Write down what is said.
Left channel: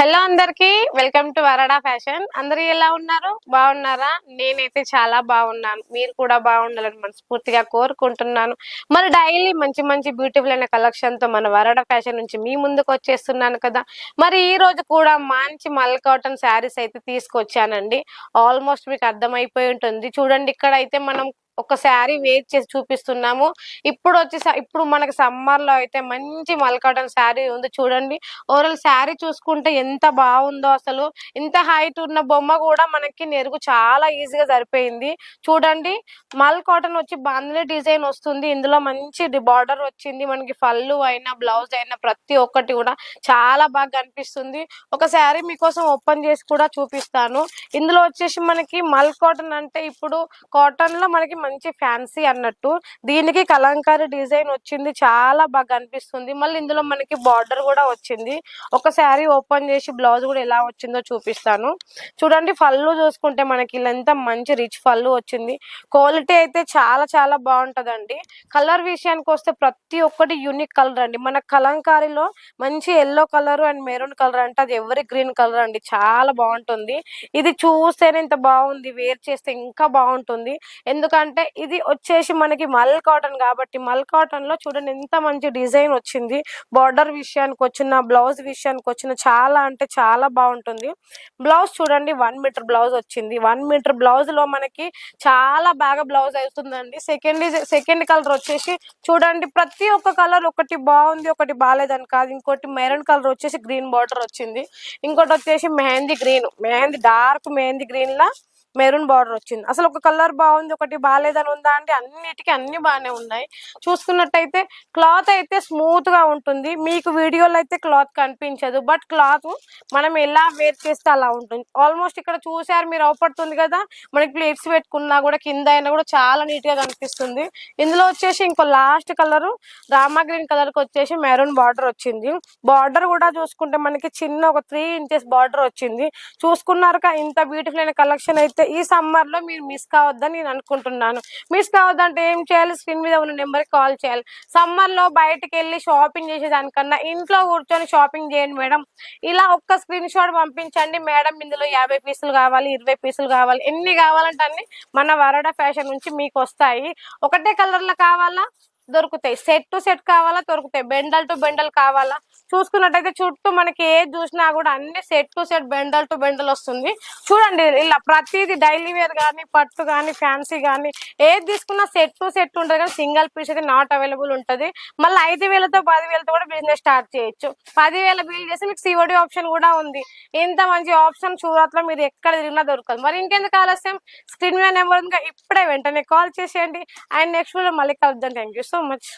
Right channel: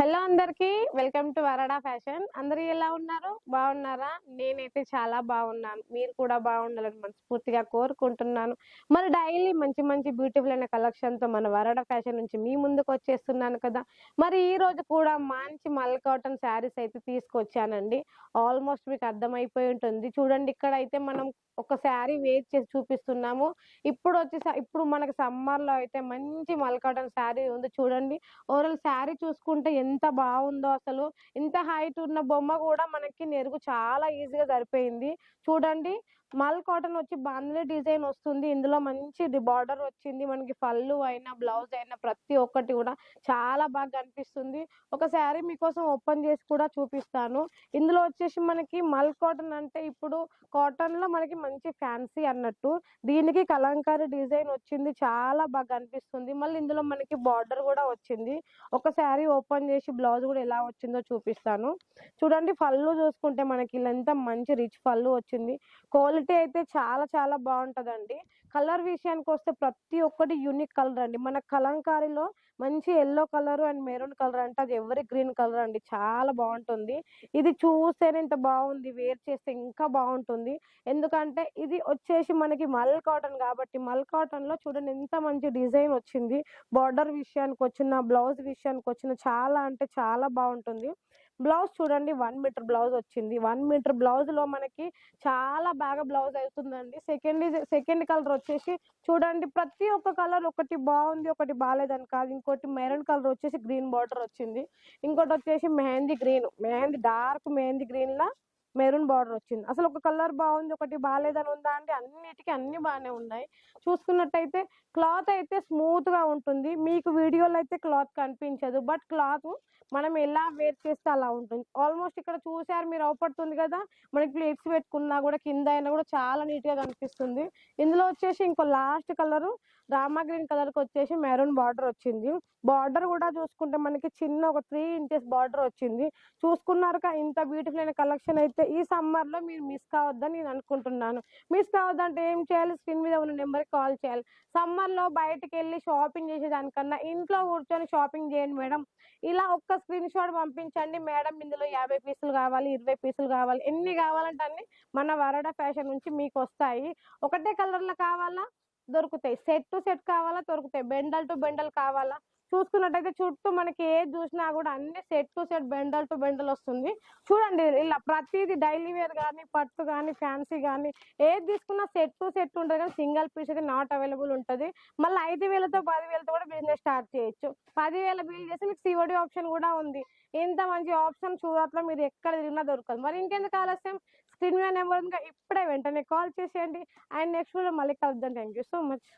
Hello అందరికి welcome to వరడా fashion. అందరూ ఎలా ఉన్నారు? బాగున్నారా? నేనైతే చాలా బాగున్నాను. మీరు కూడా బాగుండాలని మనస్ఫూర్తిగా కోరుకుంటున్నాను. మరి డైలీ మంచి మంచి బ్యూటిఫుల్ అయిన కలెక్షన్ తో మన వరడా ఫ్యాషన్ నుంచి మీ ముందుకు వచ్చేస్తున్నాను కదా. మరి ఈ రోజు కూడా మంచి మల్ కాటన్ శారీస్ అయితే తీసుకొచ్చానండి. ఆల్మోస్ట్ మీకు అర్థమైపోయి ఉంటుంది. చూడండి, ఇక్కడ అయితే మనం ఒక శారీ వేర్ చేసి చూపిస్తున్నాము. ఇప్పుడు మనకి సమ్మర్ లో అయితే మంచి మల్ కాటన్ శారీ ఉంది చూడండి. ఓవరాల్ శారీ చూసుకుంటే ఎంత బాగుందో అసలు. ఇంత హైట్ ఉన్న బొమ్మ కూడా మనకి నెరుగు చాలా ఈజీగా సరిపోయింది. చూడండి, మల్ కాటన్ వచ్చి బాందిని డిజైన్ వస్తుంది. ఇందులో మంచి బార్డర్ వచ్చింది. మనకి పళ్ళు అయినా బ్లౌజ్ అయినా ప్రతి ఒక్కటి కూడా చాలా బాగా కనిపిస్తుంది. ఒక శారీ మీకోసం ఓపెన్ చేసి కూడా చూపిస్తాను. ఇందులో వచ్చేసి మనకి మల్ కాటన్ అంటే ఇప్పుడు కాటన్ లో మనకి మంచి ఫ్యాన్సీ అన్నట్టు. దీనికి కలంకారీ డిజైన్ వచ్చింది, చాలా బాగా కనిపిస్తుంది. మళ్ళీ ఇందులో మనకి బార్డర్ కూడా వచ్చింది. ఒక శారీ ఓపెన్ చేసి బ్లౌజ్ కూడా ఎలా వచ్చిందో చూపిస్తాను. చూడండి, పళ్ళు చూసుకుంటే మనకి ఇలా మంచి రిచ్ పళ్ళు వచ్చింది. క్వాలిటీ అయితే చాలా చాలా బాగుంటదండి. కలర్ విషయానికి వస్తే ప్రతి ఒక్కటి యూనిక్ కలర్ అండి. మన కలంకారీలో మంచి yellow colour and maroon colour అంటే అది ఎవరి గ్రీన్ కలర్ అండి, చాలా బాగుంటుంది. ఇది చూస్తేనే ఇంత బాగుంది, వేర్ చేస్తే ఇంకా బాగుంటుంది. ఎందుకంటే ఇది వచ్చేసి మనకి మల్ కాటన్ కాబట్టి మల్ కాటన్ లో చూడండి ఎంత మంచి డిజైన్ వచ్చింది. బార్డర్ విషయానికి వచ్చిన, బ్లౌజ్ విషయానికి వచ్చిన చాలా అంటే చాలా బాగుంటుంది. బ్లౌజ్ చూడండి 1 మీటర్ బ్లౌజ్ వచ్చింది. 1 మీటర్ బ్లౌజ్ లో మనకి చాలా బాగా బ్లౌజ్ అవుతుందండి. సెకండ్ కలర్ వచ్చేసి చూడండి, ప్రతి ఒక్క కలర్ ఒకటి బాగుంది ఒకటి బాగాలేదని కాదు. ఇంకోటి మెరూన్ కలర్ వచ్చేసి గ్రీన్ బార్డర్ వచ్చింది. ఇంకోటి వచ్చేసి డార్క్ మెహందీ గ్రీన్ లా మెరూన్ బార్డర్ వచ్చింది. అసలు ఒక కలర్ బాగుంది ఒకటి బాగాలేదని ఉందా అంటే అన్నిటికీ అన్ని బాగానే ఉన్నాయి. చూసుకున్నట్టయితే క్లాత్ అయితే స్మూత్ గా ఉంటుంది. మీకు వీడియోలో అయితే క్లాత్ కనిపించదు, బట్ క్లాత్ మనం ఎలా వేర్ చేస్తే అలా ఉంటుంది. ఆల్మోస్ట్ ఇక్కడ చూసారు మీరు, అవపడుతుంది కదా. మనకి ప్లేట్స్ పెట్టుకున్నా కూడా కింద అయినా కూడా చాలా నీట్ గా కనిపిస్తుంది. ఇందులో వచ్చేసి ఇంకో last colour Rama green colour కి వచ్చేసి మెరూన్ బార్డర్ వచ్చింది. బార్డర్ కూడా చూసుకుంటే మనకి చిన్న ఒక 3 ఇంచెస్ బార్డర్ వచ్చింది. చూసుకున్నారు ఇంత బ్యూటిఫుల్ అయిన కలెక్షన్ అయితే ఈ సమ్మర్ లో మీరు మిస్ కావద్దని నేను అనుకుంటున్నాను. మిస్ కావద్దంటే ఏం చేయాలి? స్క్రీన్ మీద ఉన్న నెంబర్ కి కాల్ చేయాలి. సమ్మర్ లో బయటకు వెళ్ళి షాపింగ్ చేసేదానికన్నా ఇంట్లో కూర్చొని షాపింగ్ చేయండి మేడం. ఇలా ఒక్క స్క్రీన్ షాట్ పంపించండి మేడం, ఇందులో 50 పీసులు కావాలి, 20 పీసులు కావాలి, ఎన్ని కావాలంటే అన్ని మన వరడా ఫ్యాషన్ నుంచి మీకు వస్తాయి. ఒకటే కలర్ లో కావాలా దొరుకుతాయి, సెట్ టు సెట్ కావాలా దొరుకుతాయి, బెండల్ టు బెండల్ కావాలా. చూసుకున్నట్టయితే చుట్టూ మనకి ఏది చూసినా కూడా అన్ని set to set bundle to bundle వస్తుంది. చూడండి, ఇలా ప్రతిదీ డైలీ వేర్ కానీ పట్టు కానీ ఫ్యాన్సీ కానీ ఏది తీసుకున్నా సెట్ టు సెట్ ఉంటుంది. కానీ సింగిల్ పీస్ అయితే నాట్ అవైలబుల్ ఉంటుంది. మళ్ళీ 5,000తో 10,000తో కూడా బిజినెస్ స్టార్ట్ చేయొచ్చు. 10,000 బిల్ చేసి మీకు సిఓడి ఆప్షన్ కూడా ఉంది. ఇంత మంచి ఆప్షన్ సూరత్ లో మీరు ఎక్కడ తిరిగినా దొరకదు. మరి ఇంకెందుకు ఆలస్యం? స్క్రీన్ మీద నెంబర్ ఉంది, ఇప్పుడే వెంటనే కాల్ చేసేయండి. అండ్ నెక్స్ట్ వీడియో మళ్ళీ కలుద్దాం. Thank you so much.